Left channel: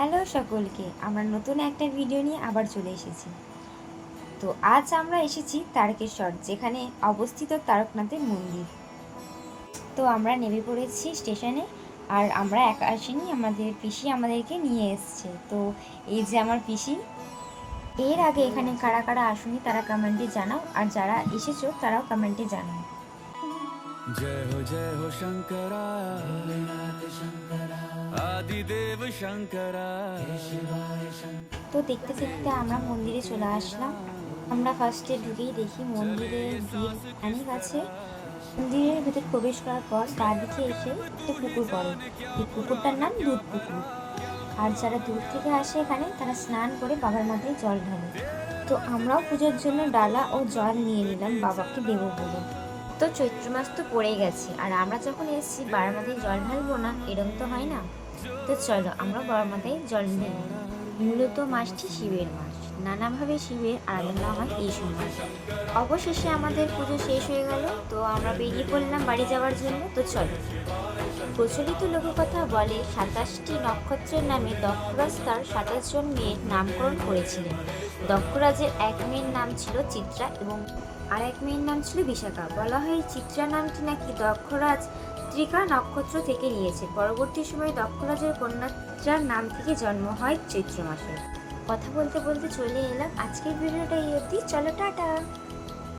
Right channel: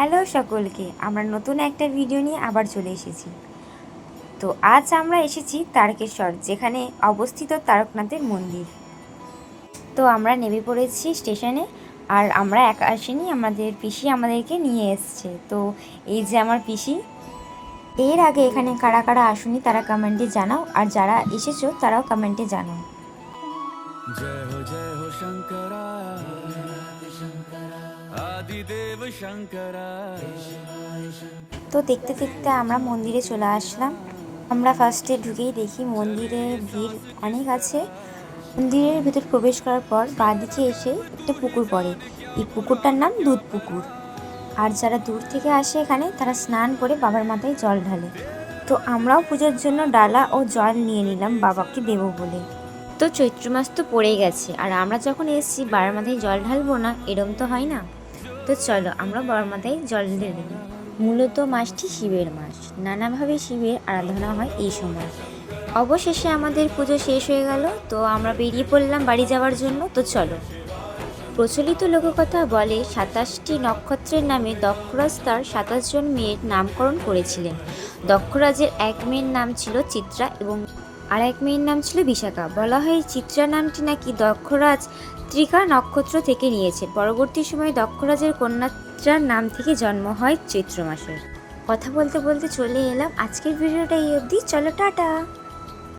Hello সকলকে, আমরা নতুন একটা ভিডিও নিয়ে আবার চলে এসেছি। তো আজ আমরা এসেছি তারকেশ্বর, যেখানে অবস্থিত তারকনাথের মন্দির। তো আমরা নেমে পড়েছি স্টেশনে, আর আমরা একা আসিনি, আমাদের পিসি আমাদেরকে নিয়ে এসছে। তো এই যে আমার পিসি। এর আগে এখানে কারা কারা আসুনি তারা কমেন্টে জানাও, আর যারা এসেছো তারাও কমেন্টে জানাও। जय हो शंकरा आदिदेव शंकरा। তো দেখতে দেখতে আমরা মন্দিরে চলে আসলাম। আমরা ফার্স্টে ঢুকেই দেখি মন্দিরে ভিড় অনেক আছে। মন্দিরের ভিতর প্রবেশ করার পর বাঁদিকে এসে একটা পুকুর পড়ে। এই পুকুরটার নাম দুধ পুকুর। আর যারা দূর থেকে আসে এখানে তারা স্নান করে বাবার মাথায় জল ঢালে। তো আমরাও পুজোর জন্য ডালা ও জল নিয়ে নিলাম বাবাকে দেবো বলে। তো চৈত্র মাস তো পড়ে গেছে, আর আমরা যখন এসেছি বাবার মাথায় জল ঢালবো না, এরম তো হয় না। তো চলো আমরা বাবার মাথায় জল ঢেলে নিই। মূলত মাসটি শিবের মাস, নানাভাবে শিবের আরাধনা হয় এই সময়। অবশেষে আমাদের পুজো শেষ হয়ে গেল, তো আমরা বেরিয়ে পড়লাম বাড়ি যাওয়ার জন্য। তো চলো। প্রচলিত লোককথা বলে 27টি নক্ষত্রের নামে দক্ষরাজ তার 27 জন মেয়ের নামকরণ করেছিলেন। দক্ষরাজের এক মেয়ের নাম ছিল চিত্রা এবং আর এক মেয়ের নাম ছিল বিশাখা। বলা হয় চিত্রা নামটি নাকি দক্ষরাজ ত্রিকা নক্ষত্র থেকে নিয়েছে। পরবর্তী সময়ে দক্ষরাজের কন্যাত্রার নাম থেকে জন্ম হয় চৈত্র মাসে। কথা বলতে বলতে চলে এলাম আজকের ভিডিওটা এই অবধি। চলো টাটা।